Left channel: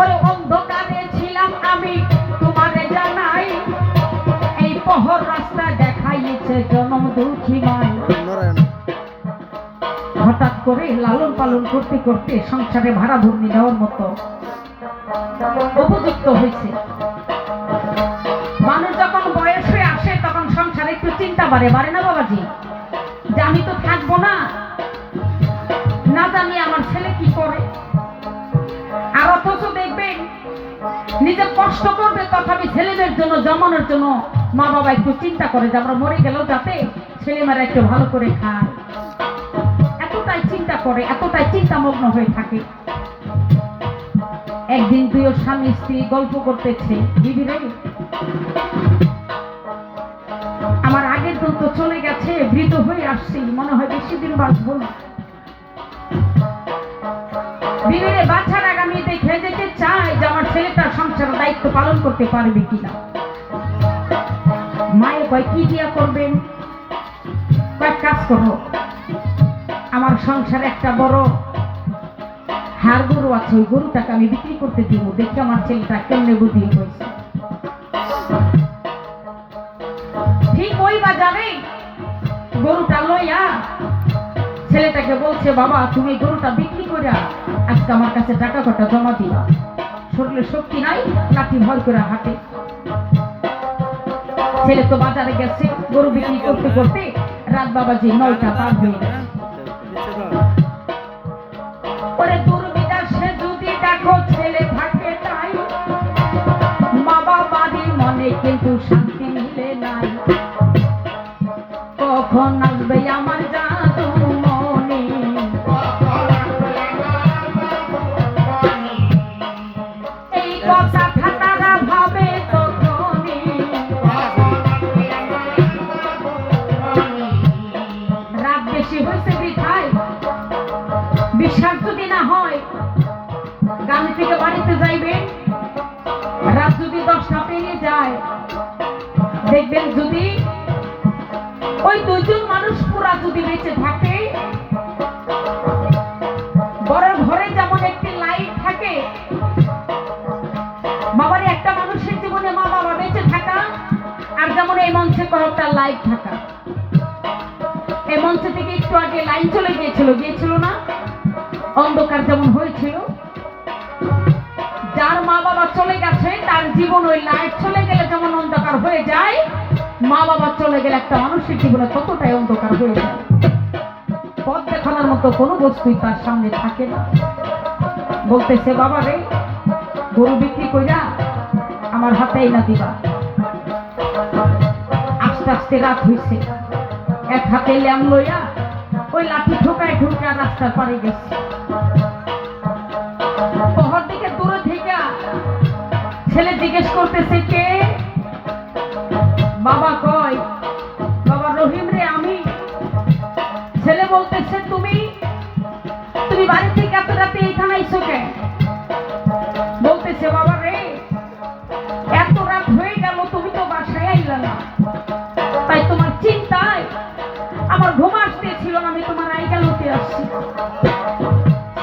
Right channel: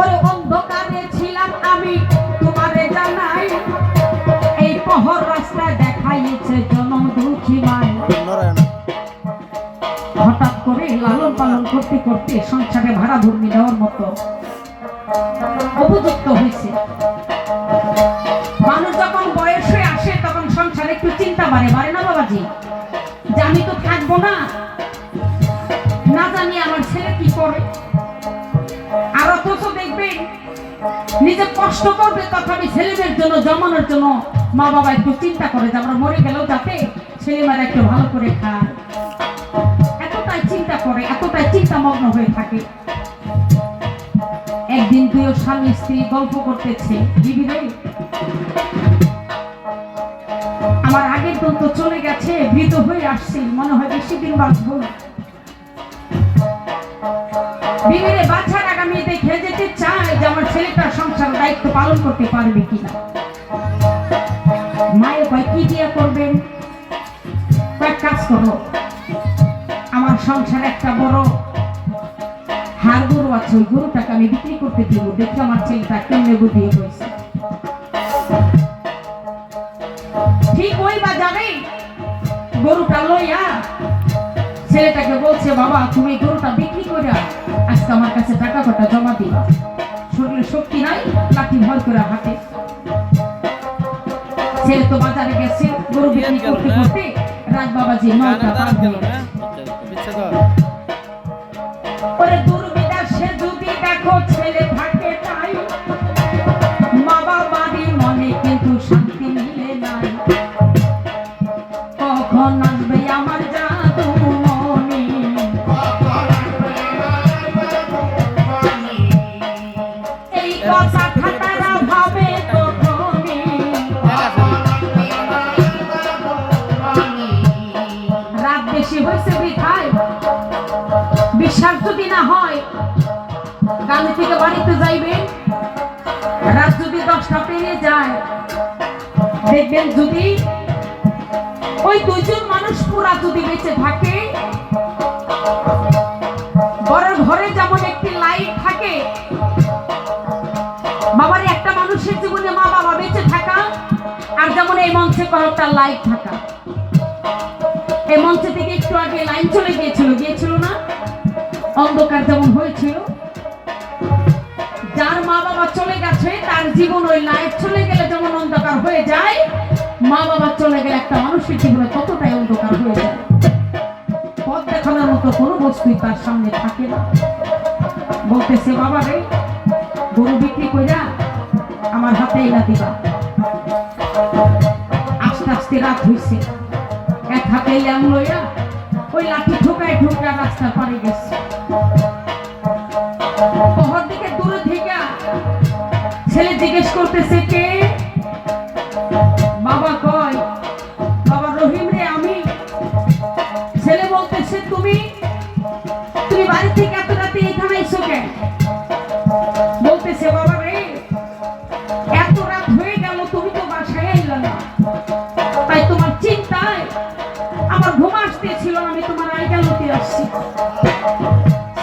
ওরে অন্ধকারে ছিলাম আমি তোমারে জানাই, এই পহর রাস্তায় দেখাইছে জনম দুঃখী মাই। হঠাৎ করে লালন পালন করতে করতে সংসারে ভাড়া ভূমি নেওয়ার মতো উপযুক্ত হয়েছে। মানুষ যখন বয়স হয়ে আসে তখন সংসারে একটু চিন্তা বাড়ে, বাড়ে না বাবাজি, যে আমি তো থাকবো না, না জানি আমার ছেলে কি করে। আর অথচ দেখবেন নিজে কষ্ট করবে তথাপি ছেলেদের জন্য জমানোর জন্য মা বাবা একটু চিন্তা করে যে আমরা মরে গেলেও যাতে ছেলেমেয়েরা একটু ভালো করে খায়, এতটাই চিন্তা করে, এতটাই চিন্তামগ্ন হয়ে থাকে। একদিন দুই স্বামী স্ত্রী গল্প করতেছে, দিদি রে আমার আগের দিন তো চলে গেছে, বৃদ্ধ হয়ে আসছি, মনে হয় বেশি দিন বাঁচবো না। বিবিরে বাচ্চার আগামী দেখে যেতে চাই যে আমার ছেলেটার সংসার দায়িত্ব পালন করতে পারবে কিনা। মায়ের কয় কি দিয়া করবেন, কয়েক কাজ করো, আমার সংসারে একটা বড় হাড় গরু আছে, ওই গরুটাকে আমি বিক্রি করতে দিব, দেখে আমার ছেলেটা কেমনে বুঝিয়ে হয়েছে। ঠিক ওই বাজারে গরুটা লইয়া ছেলেটাকে বলছে, বাবা তুমি গরুটা বিক্রি করে আজকে আমার কাছে টাকা কটা জমা দিবা, শরীরে শক্তি নাই, লাঠি ভর করে হাতে। ছেলে তো বাজারে গেছে গরু বিক্রি করতে করতে রাত বাবাজি 9টা পার হয়ে গেছে। ওরে দুর্বিদাসে যদি দেখো ছেলে থাকে নাই, মা বাবারই মনে কিন্তু শান্তি মিলে নাই। কখন আসবে আমার জাদু মনে, এই কথা খাতারা ভাবে তখনই। রাত বেশি হয়েছে বৃথায়, বিশ্বাস যদি না হয় গাড়ি থেকে বাড়িতে যাইবে, রাত যদি 10টা পেরিয়ে যায় দেখবেন যদি ওই দুইজন মানুষ পুরা যদি বেঁচে থাকে, বড় ঘরে যেমন একটি লাইট থাকে, বাবার একটা মানুষের জীবনে মা বাবা বেঁচে থাকা, আর যেমন এই মঞ্চে কয়েকটা লাইট থাকা। এই মঞ্চ থেকে একটু আগে লাইন চলে গিয়েছিল না, অন্ধকার যেমন হয়েছিল। যার মা বাবা চলে গেছে তার জীবন ওই লাইট চলে গেলে যেমন অন্ধকার হয়ে যায়, মা বাবা চলে গেলে একটা মানুষের জীবনে ততটাই অন্ধকার হয়ে যায়। পথ দেখানোর মতো কোনো বস্তুই তার সামনে থাকে না। বলতেছে, বাবা রে গরু বিক্রি কইরা আমার হাতে এনে দিবা। আস্তে আস্তে রাত হয়েছে, এক হাতে ল্যাম লইয়া ওই লাঠি ঠোকায় ঠোকা রাস্তার পাড়ে গেছে। পহর দিকে দূরে থেকে ছেলে জিজ্ঞেস করতেছে, কে? বাবা কয়, বাবা রহিম রে আমি। ছেলে বলতেছে, তুমি বাড়ি থেকে এত রাতে এখানে আইছো কেন? বলতেছে, বাবা রে এত রাত হয়ে গেল তুমি তো বাসায় আইলা না, তাই তোমার চিন্তায় আমার ঘুম আসতেছিল, আমি তোমার আইগালতে আসছি।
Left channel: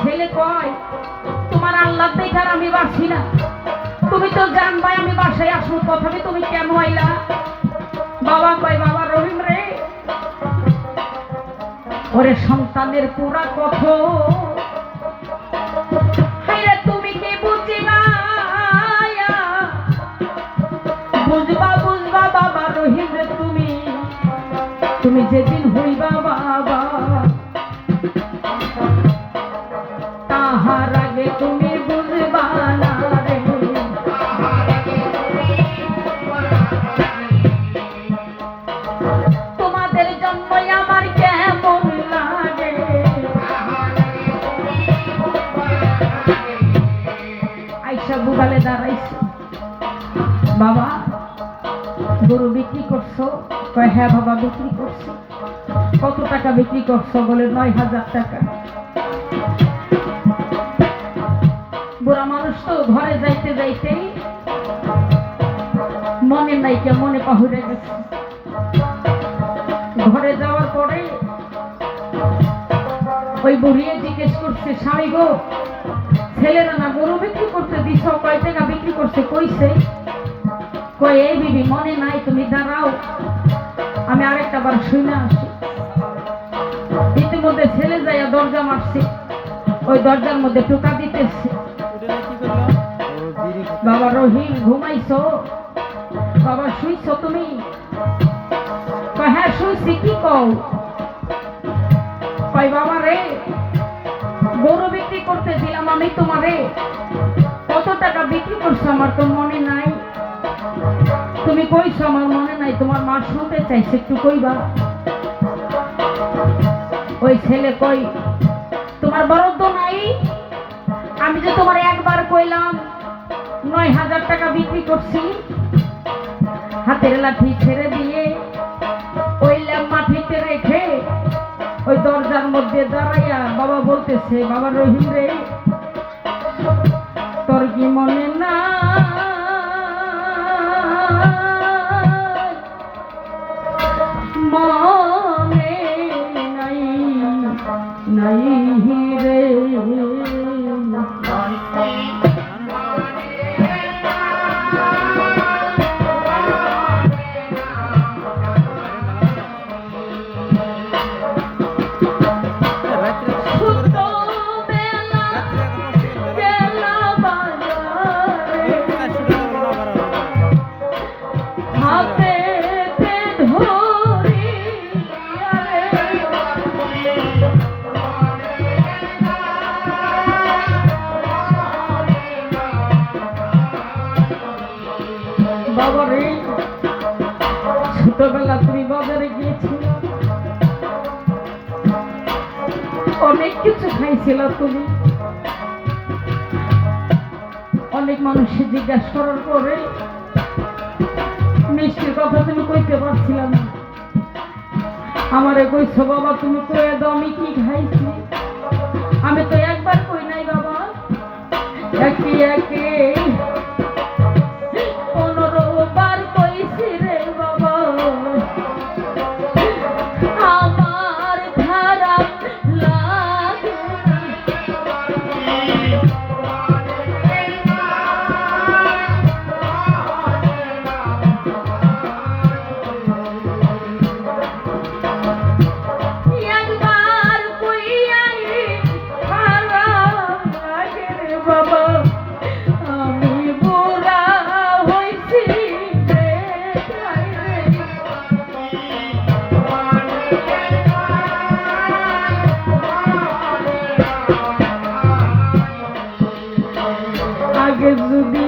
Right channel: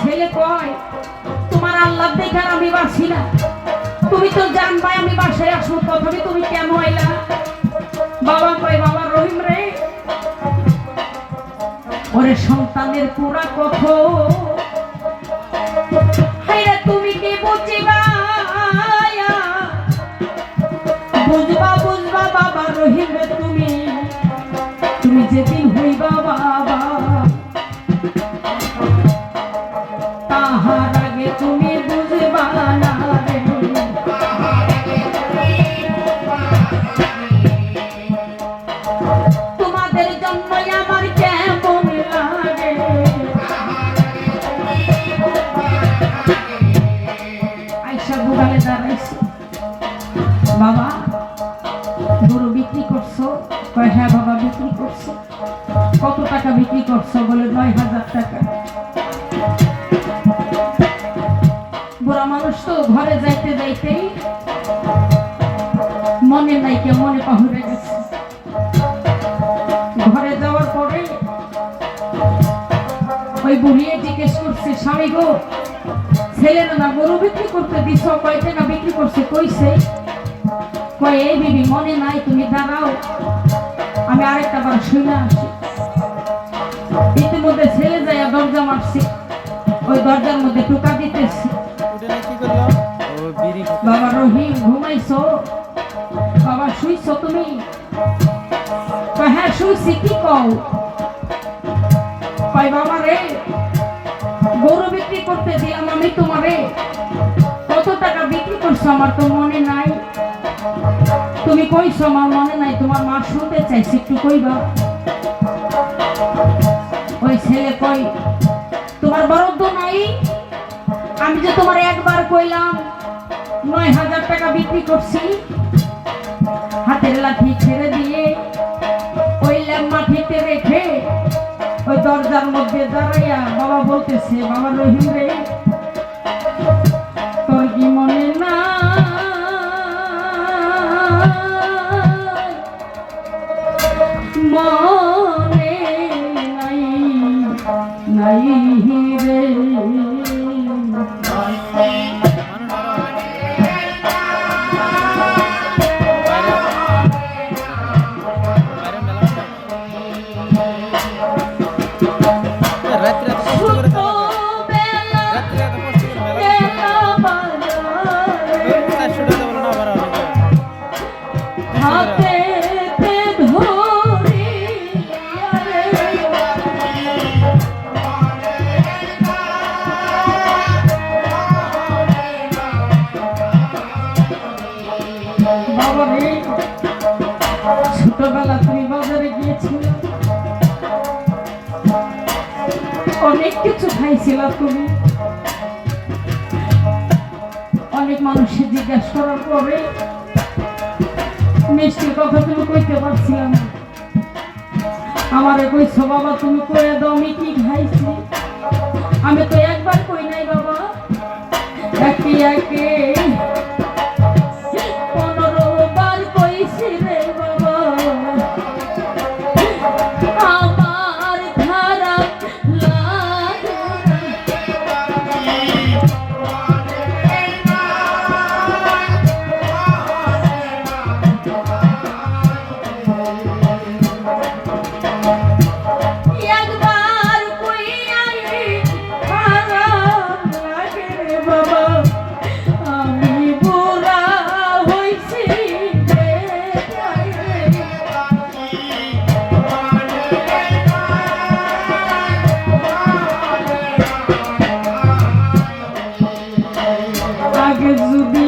ছেলে কয়, তোমার আল্লাহ দেখার আমি বাসি না, তুমি তো জানবাই আমি বাসায় আসবো, তথাপি তুমি কেন আইলা? বাবা কয়, বাবা রহিম রে ওরে সন্তানের পুরা কথা তুমি কি বুঝিবা, বুঝবা বুঝবা বাবা রহিম রে, তুমি যেদিন হইবা বাবা, তাহার আগে তুমি বুঝবা না রে। তোমাদের জন্য আমার কেমন লাগে, আইসা বুড়ালে দাঁড়াইছি। বাবা গরু বিক্রি করছো? কয়, হ্যাঁ বাবা বিক্রি করছো। কত টাকা বিক্রি করছো? বলে 9,000 টাকা। বুড়া মানুষ তো ঘরে যাইতে যাইতেই মনে নাই কে মনে পাহুড়ে গেছে। ঘরে যাওয়ার পরে ওই বুড়িয়ে জিজ্ঞেস করছে, স্বামী গো ছেলেরা না গরু বিক্রি করতে দিছ, কয় টাকা বিক্রি করছে কইছে? কয় এই বিবি মনে নাই, তুমি দাঁড়াও আমি আরেকটা বার শুনে আসি। ইতিমধ্যে ছেলে যাইয়া দরজা মারছে, ওই দরজার মধ্যে টোকা দিতেছে। বাবা রহিম ঘুমাইছো? বাবা শুইছো তুমি? হ্যাঁ শুইছি, কি কও? কয় বাবা রে গরু বিক্রি করতে দিলাম আমি তোমারে, কত টাকা বিক্রি করছো আমার তো মনে নাই। তুমি কইছো আমার মনে নাই, তোমার মা শুনতে চাইছে, একটু কইবা। ওই ছেলে কই তোমার বরাদ্দ নাই? আমি যে তোমার একবার কইলাম ৯,০০০ টাকা বিক্রি করছি। হাতের লাঠি ছেড়ে দিয়ে ওই মাটিতে রেখে ওই দরজার মধ্যে দাঁড়াইয়া বাবা বলতেছে, বাবা রহিম রে তোর কি মনে না মনে নাই নাই রে ছোটবেলা তুমি বাজারে গিয়েছিলে, অনেক কিছু খাইছিল তুমি। অনেক মানুষের জিজ্ঞাসা করার পরে মিষ্টির কথা তুমি কইতে পারছিলাম না। আমারে কইছো বাবা তুমি কয়ে দাও আমি কি খাইছি। আমি তো একবার কই নাই বাবা, একে একে 15 বার কইছি রে বাবা। আমার খারাপ লাগে একবার কইয়াই খারাপ লাগে রে বাবা। আমি বুড়া হইছি রে আগে যদি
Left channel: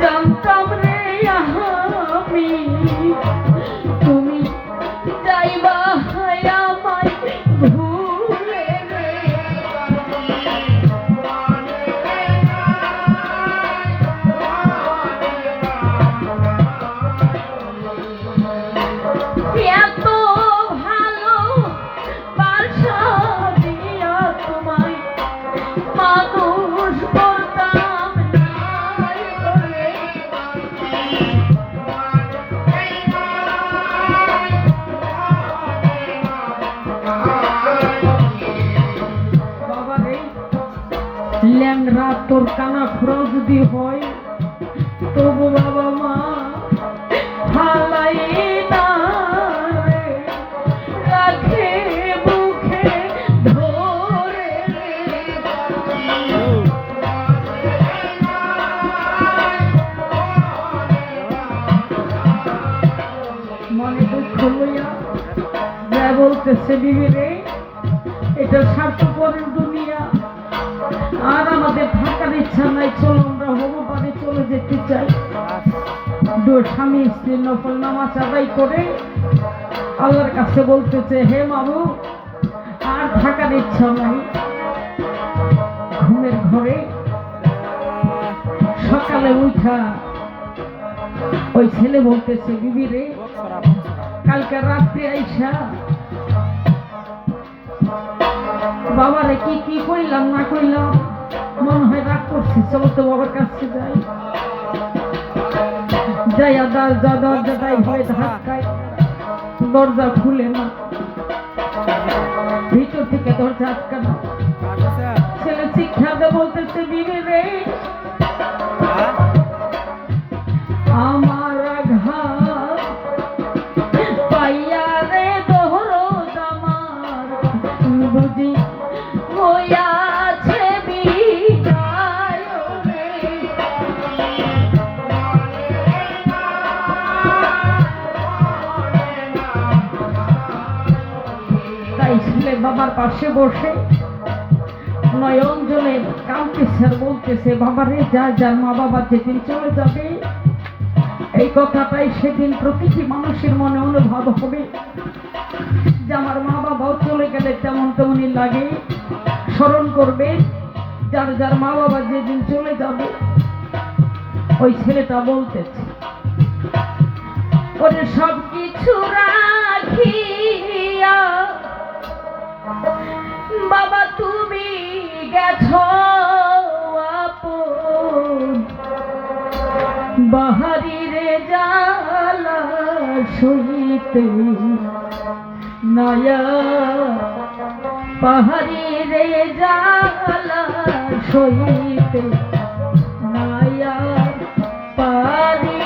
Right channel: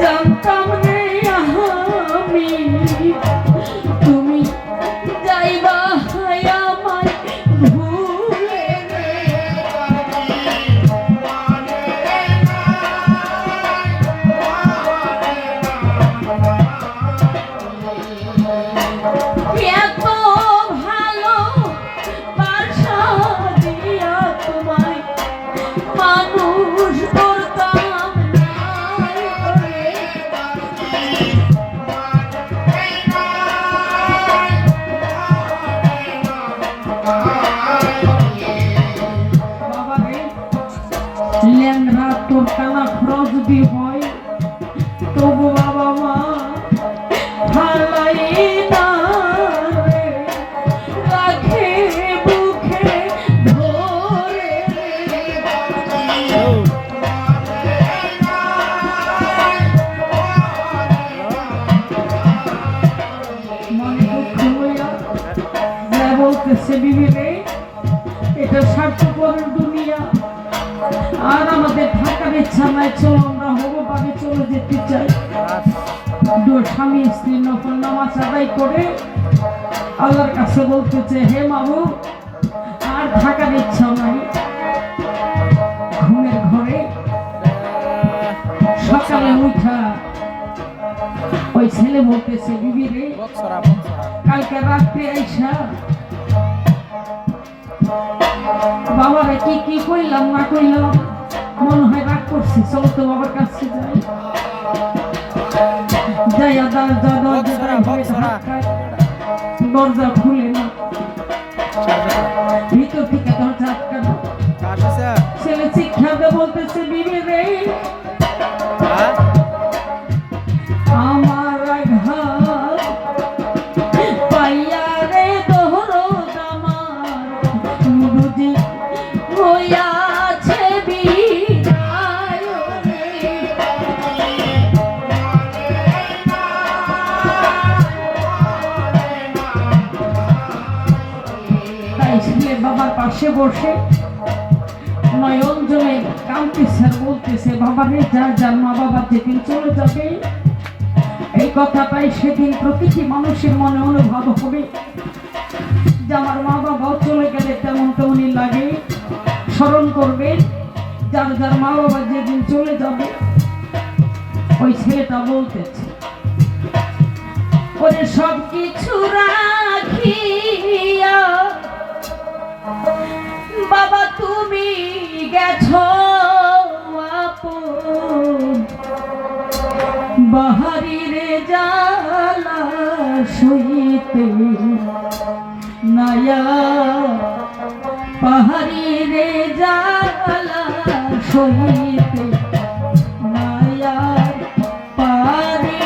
জানতাম রে আমি তুমি যাইবা আমায় ভুলে রে। এত ভালো বাসা দিয়া তোমায় মানুষ করতাম বাবা রে। ল্যাংড়া তোর কানা খোরা যদি হয় তবু বাবা মা হালাই না রে, রাখে বুকে ধরে মনে দুঃখ লইয়া যা বলতেছে বিবি রে, এটা স্বার্থপরের দুনিয়া। আর আমাদের থাকার ইচ্ছা নাই, চলো আমরা হবো পারে চলে যেতে চাই। স্বামী স্ত্রী নফল নামাজ আদায় করে আল্লাহর কাছে বলতেছে, হে মাবুদ আর থাকার ইচ্ছা নাই। ঘুমের ঘরে সকালে উঠা ওই ছেলে বলতেছে, বিবি রে কালকে রাত্রে আইসা বাবারে কি কি কইলাম না কইলাম, মনে হয় রাগ করছি, চলো তো বাবার কাছে যাই। যাইয়া দরজা খুলে না, ভিতর থেকে দরজা আটকানো। ছেলে শিক্ষা দিয়ে বলতেছে বিবি রে আমার আঘাত পাইয়া রে দহরদ আমার বুঝি হইয়াছে বিদায় রে। তাই ছেলে বাবার পাশে বসে নয়ন জলে কাঁদতেছে আর বলতেছে বাবারে যা যার মা বাবা যেদিন চলে যাবে এই কথাটাই সেদিন প্রতিটি মানুষের মনে অনুভব হবে যে আমার মা বাবাও চলে গেলে তেমন তেমনই লাগে, স্মরণ করবে যার যার মা বাবা যেদিন চলে যাবে। ওই ছেলেটা বলতেছে ওরে সব কিছু রাখিয়া বাবা তুমি গেছো আপন বাহারিরে জ্বালা সইতে নয়া পাহাড়িরে জ্বালা সইতে নয়া পারি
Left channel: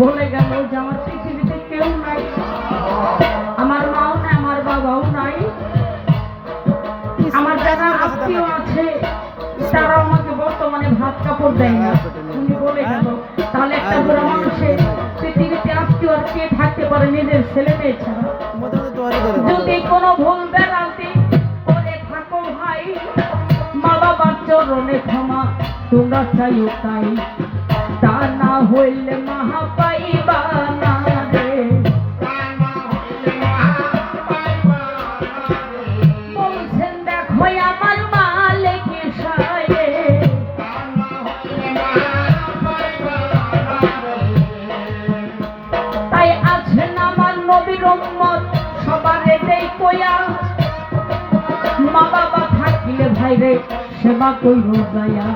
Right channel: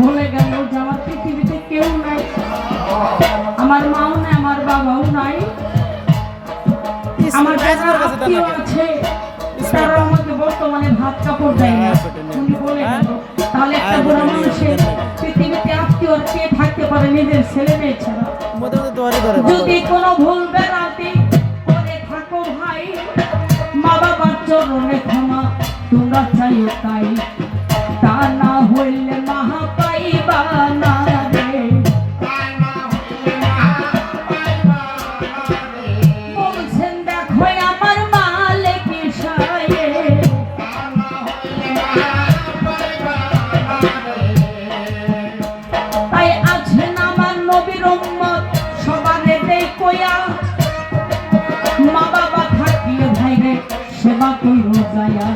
বলে গেল যে আমার পৃথিবীতে কেউ নাই, আমার মাও নাই, আমার বাবাও নাই, আমার যারা আত্মীয় আছে তারা আমাকে বর্তমানে ভাত কাপড় দেয় না। উনি বলে গেল তাহলে একটা বড় মানুষের পৃথিবীতে আত্মীয় আর কে থাকতে পারে নিজের ছেলে মেয়ে ছাড়া? যদি কোনো ভুল বেড়াতে করে থাকো ভাই, মা বাবার চরণে ক্ষমা তোমরা চাইও তাই, তা না হইলে মাহা পাইবা না রে। বলছেন দেখো আমার মালিক সায়ে, তাই আছেন আমার নবীর উম্মত সবারে দেই কইয়া, মা বাবা থাকলে ভাইরে সেবা কইব যায়া,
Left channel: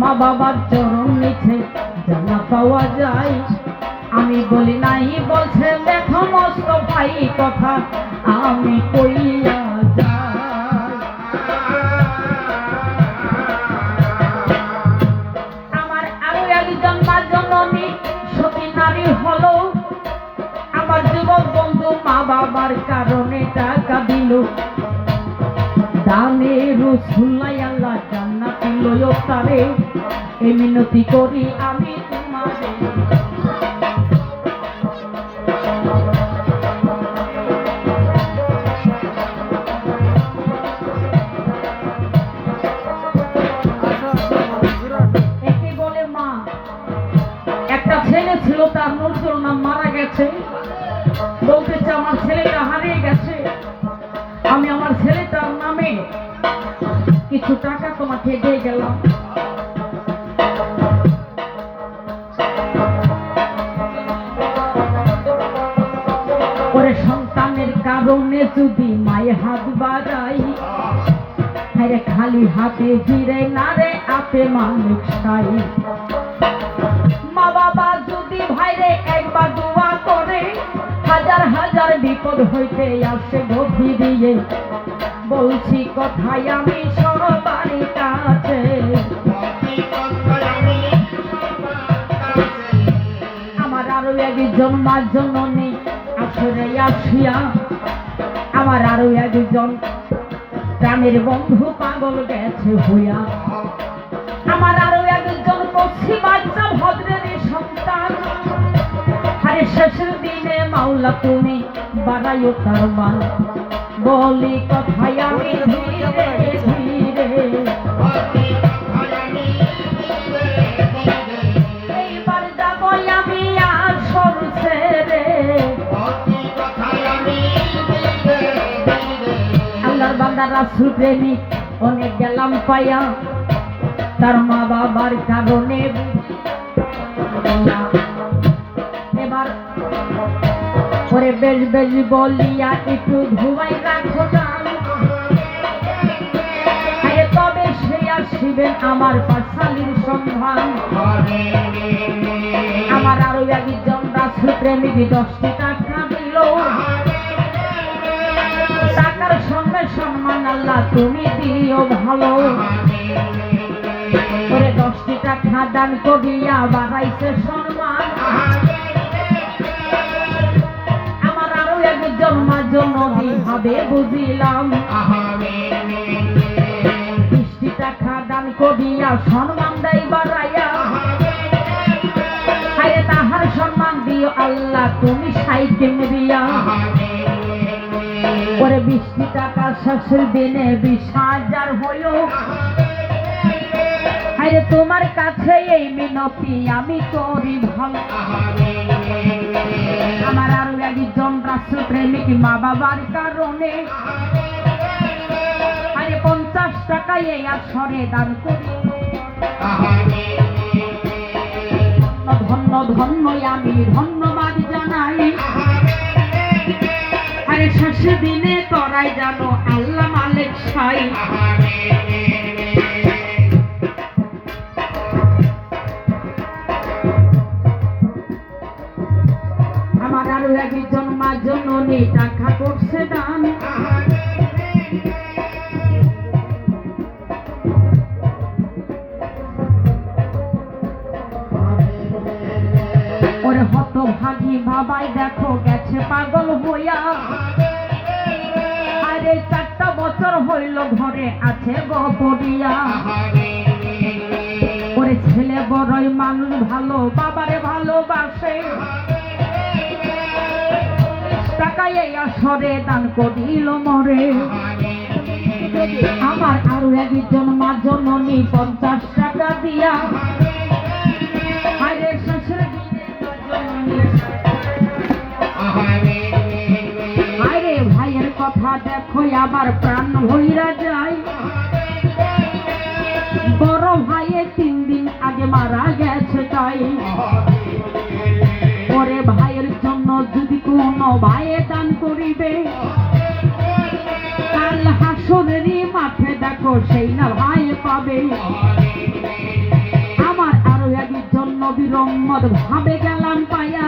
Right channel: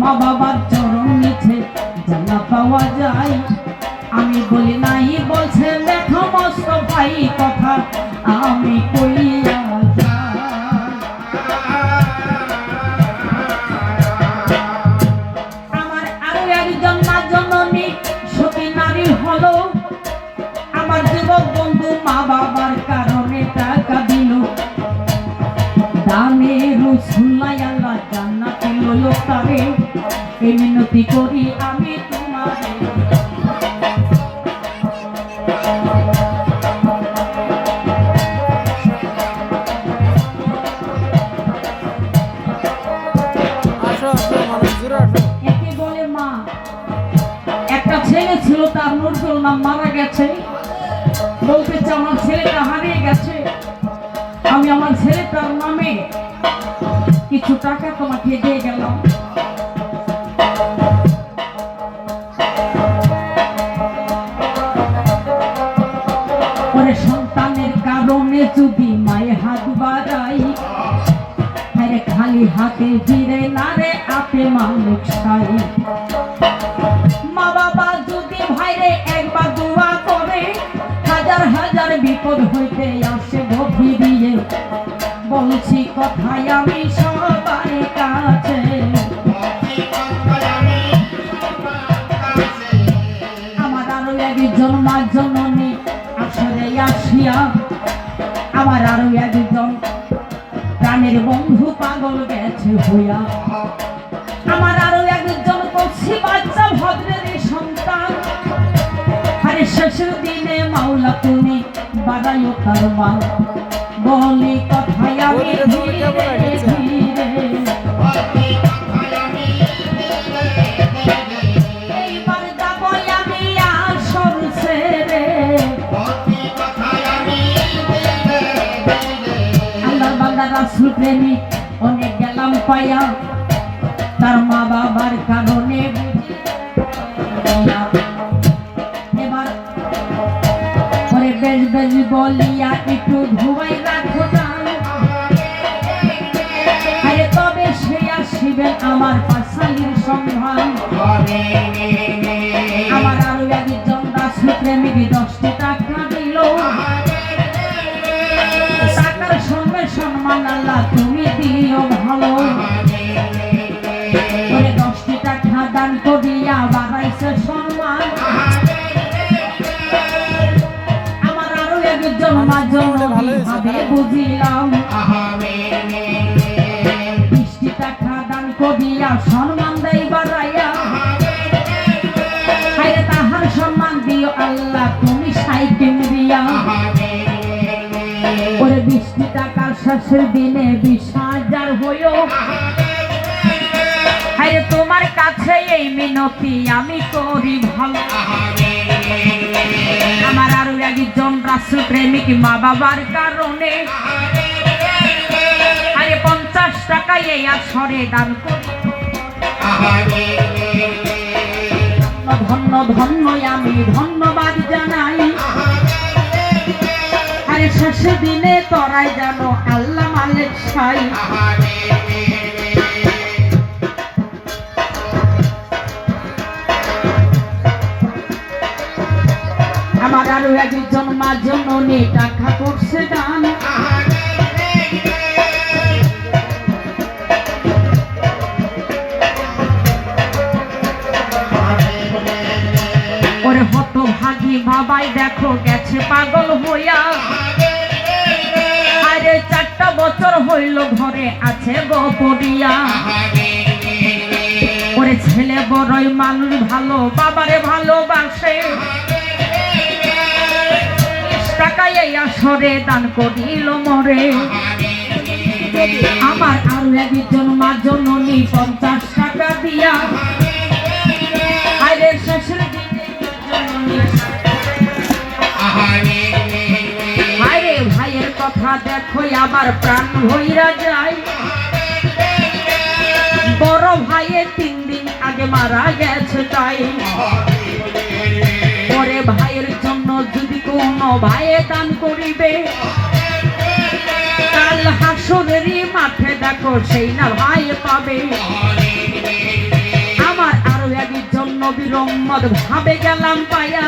মা বাবার চরণ নিচে জানা পাওয়া যায়। আমি বলি নাই বলছেন দেখো মস্ত ভাই কথা আমি কইয়া যাই। আমার আরো একজন মা জননী সতী নারী হলো, আমার যুবক বন্ধু মা বাবার কারণে টাকা দিল, দানে রসুল্লাহ আল্লাহ জান্নাতি লয় তারে, এই মিনতি করি আমি তোমারে। একে বলে মা। একটা ছেলে ছিল তার নজরুল নাম, মারা গেছে, বলতেছে আমার ছেলেটা হারিয়ে গেছে, আমি আমার ছেলেটার নামে কিছু টাকা তোমাকে দিয়ে গেলাম। সন্তানের কারণে যদি মায়ের হাত বাড়াই, আরে খালি হাতে ফিরে না রে আপে মানুষ চাই। মা বাবা যদি ভাইরে একবার দোয়া করে, হাজার হাজার বিপদ হইতে আসে গভী দিয়ে, বলছি কথাই আমি সবার কাছে। জননী আসরে আসিয়া আমার আরো একজন প্রাণের বন্ধু পাগল গেছে হইয়া। আমার আরো একজন কচি বাচ্চা ভদ্রের সন্তান, আরে শেষের দিনে মাওলা তুমি বাড়াইও তার মান। বলি কথায় আমি ধীরে ধীরে, এইবার যাবো আমি আসর ছেড়ে। আল্লাহর বান্দা রাসূল প্রেমিক অনেক গেলাম পাইয়া, তার মা বাবার কারণে এবার পরে বেশ বেশ বলিয়া একটু ঘুমাই রাখো দাও, তবে সে আসিবেন আমার পাশালির সন্ধান। আমার আরো একজন রাসূল প্রেমিক 10টি টাকা দিল, টাকার সঙ্গে সম্মান আল্লাহ তুমি দিও ভালো। 10টি টাকা দান করিয়া বাড়াইছে সম্মান। আমার আরো একজন জন্য কিভাবে বুঝিলাম, 20টি টাকা দান করিয়া সম্মান দেয় বাড়াইয়া। তাহার সম্মান দিও আল্লাহ তুমি সাইকেল দিয়া। 20টি টাকা শেষের দিনে 20,000 হইও। তোমার কাছে এই মিনতি আমি করি ভালো। আমার আরো একজন রাসূল প্রেমিক মা বাবার কারণে 50 টাকা এই আসরে দান করি। ধন্য ধন্য আমি ধন্যবাদ জানাই। আরে শেষের দিনে তোরাই জানো আল্লাহ মালিক সাই। আমার আরো একজন মা জননী টাকা করছে দান। ওরে হতভাগী বাবাই দেখো গেছে পাগল হইয়া। আরে 4টা বছর হইল ঘরে আছে গোপরিয়া। ওরে ছেলে বড়ই মানুষ ভালো বাবারে ভালোবাসে, টাকায় আসরে দান করিল মরে। আমার আরো একজন মা জননী 50 টাকা দিয়া। আরে শেষের দিনে আরে ভাইয়ের কথা দেখো আমার প্রাণ হইরা যায়। বড় ভাইয়ে 3 দিন আগে মারা গেছে তাই। পরে ভাইয়ের জন্য যদি কোনো ভাইয়ে দান করিবে, কাল হাসরেরই মাঠে দেখো সেই না ভাই পাবে। আমার আরো একজন নবীর উম্মত ভাবে গেলাম পাইয়া।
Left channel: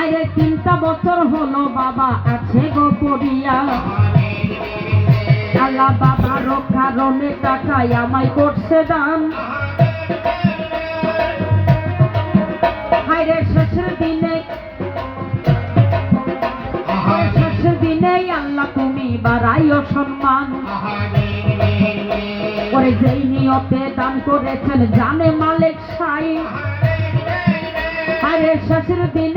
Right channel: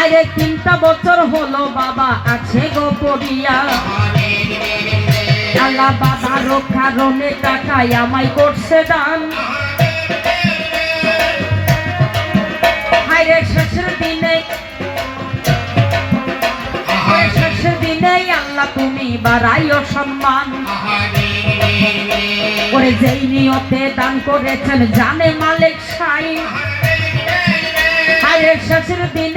আরে 3টা বছর হলো বাবা আছে গোপরিয়া। আল্লাহ বাবার কারণে টাকায় আমায় করছে দান। শেষের দিনে আল্লাহ তুমি বাড়াইও সম্মান। ওরে যেই নিয়তে দান করেছেন জানে মালিক সাই। শেষের দিনে